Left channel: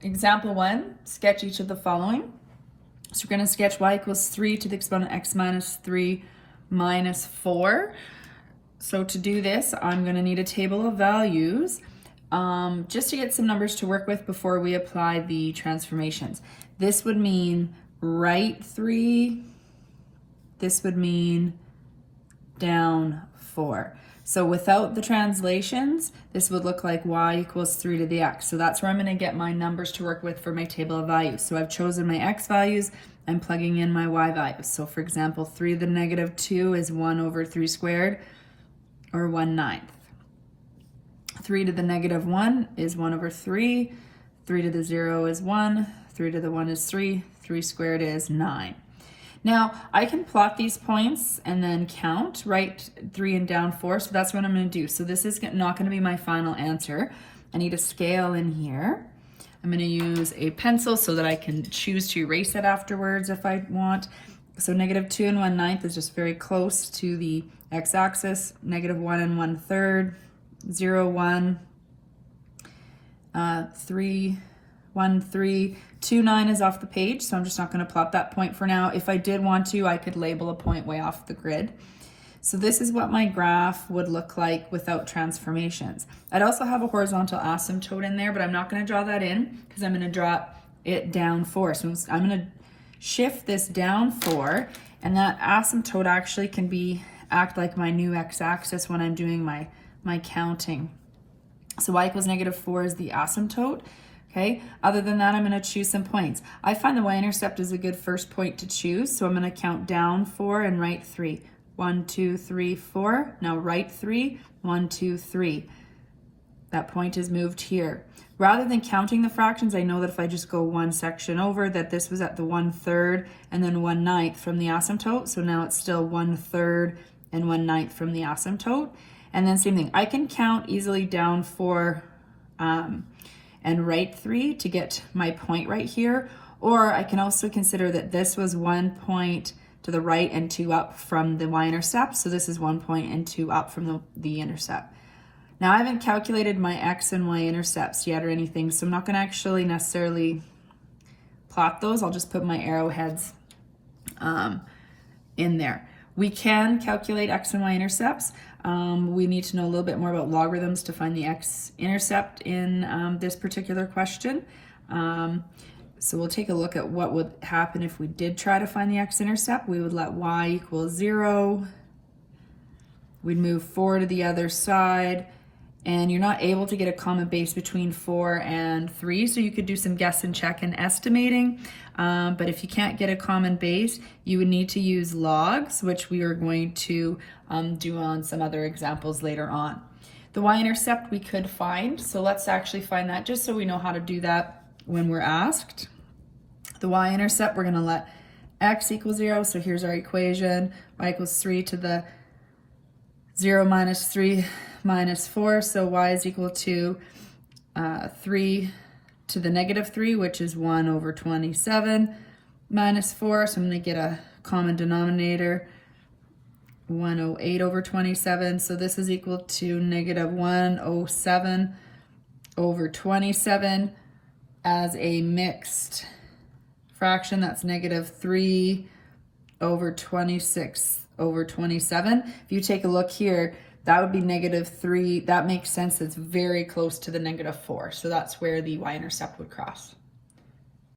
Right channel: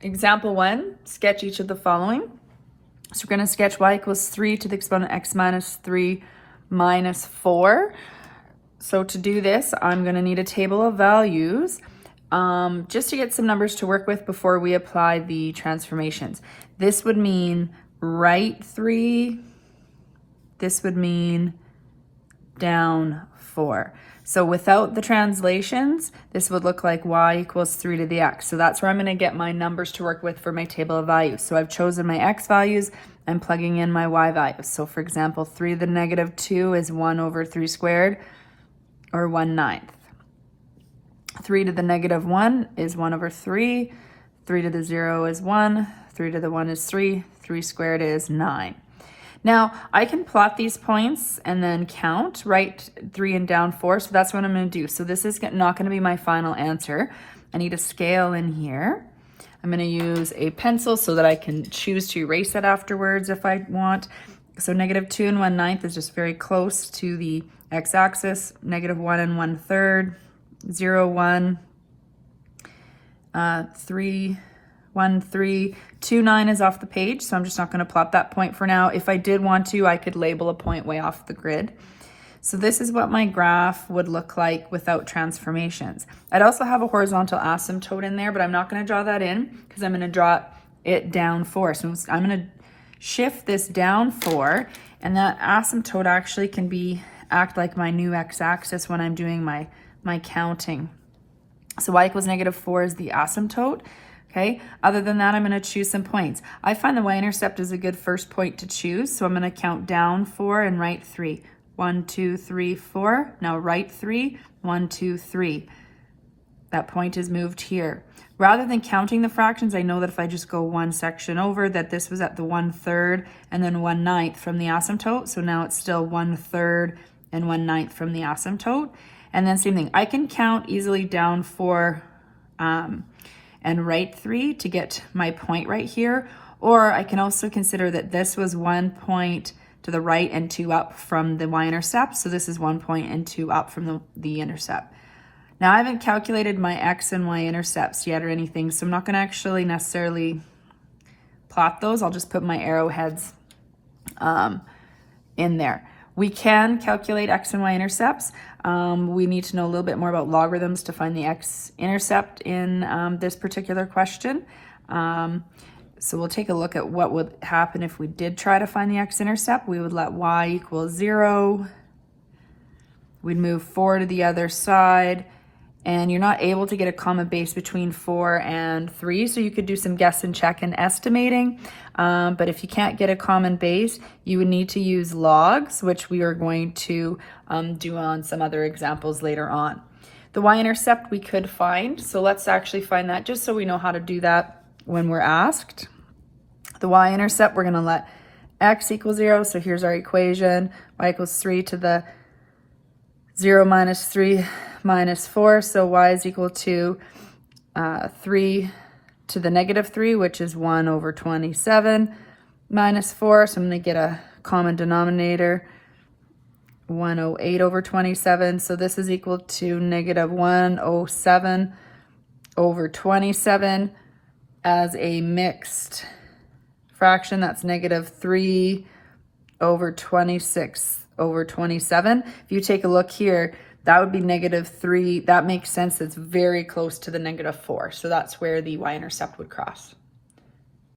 Example 1, sketch each of the following. So we're going to sketch y equals 3 to the exponent x minus 3 minus 4. So to do this, I'm going to need a table of values just to get some numbers to work with before we apply the transformations. This would mean right 3. This would mean down 4. So without the translations, this would look like y equals 3 to the x. So that's where I'm going to get my numbers to work with for my table of values. So I've chosen my x values. I'm plugging in my y values. So for example, 3 to the negative 2 is 1 over 3 squared, or 1/9. 3 to the negative 1 is 1 over 3. 3 to the 0 is 1. 3 to the 1 is 3. 3 squared is 9. Now, I can plot these points and then count, right 3 and down 4, so that's what I'm going to do. So this is not going to be my final answer. I need a scale in here. I'm going to use a pencil so that I can choose to erase it afterwards if I want. So negative 2 and 1/9 is just very close to the x-axis. Negative 1 and 1/3, 0, 1, 3, 1, 3, 2, 9 is off the page, so I'm just not going to plot that point for now. If I did want to, I could label a point way off the grid. So this is what my graph would look like without transformations. I'd also have a horizontal asymptote in there, but I'm not going to draw that in because I'm going to draw it down 4. So I'm going to shift this down 4, and that asymptote actually can act like my new x-axis when I'm doing my counting. So y equals negative 4 is the asymptote. Okay, other than that, I'm going to choose some points. I find the y-intercept is a good first point to choose, so I'm going to count down 4 and right 3. 1, 2, 3, 4. Now right 3, 1, 2, 3. That point is moved here. Rather than counting the fractions, I know that if I just go one section over, that this was at the 1/3 and then 1/9 from the asymptote. So now it's still 1/3 and 1/9 from the asymptote. And then same thing, I can count easily down 4 and right 3 to get my point right here. Or I can also consider that this was 1 point to the right and 2 up from the y-intercept. So this is 1 point and 2 up from the intercept. Now I haven't calculated my x and y intercepts yet or anything, so I'm not going to actually necessarily plot those. I'll just put my arrowheads in there. We can calculate x and y intercepts. We need to know a little bit more about logarithms to find the x-intercept in this particular question. So we'll take a look at what would happen if we did try to find the x-intercept. We would let y equal 0. We'd move 4 to the other side. And you're not able to get a common base between 4 and 3, so you could do some guess and check and estimating. But if you can't get a common base, you would need to use logs, which we are going to do on some other examples later on. The y-intercept we could find, so let's actually find that just so we know how to do that when we're asked. The y-intercept, we're going to let x equal 0, so here's our equation. Y equals 3 to the 0 minus 3 minus 4, so y is equal to 3 to the negative 3, which is 1 over 27 minus 4, so I'm going to get a common denominator, 108 over 27, so this is equal to negative 107 over 27 as a mixed fraction. That's negative 3 over 26 over 27. If you take a look here, that would be negative 3. That makes sense. It's very close to the negative 4. So that's where the y-intercept would cross.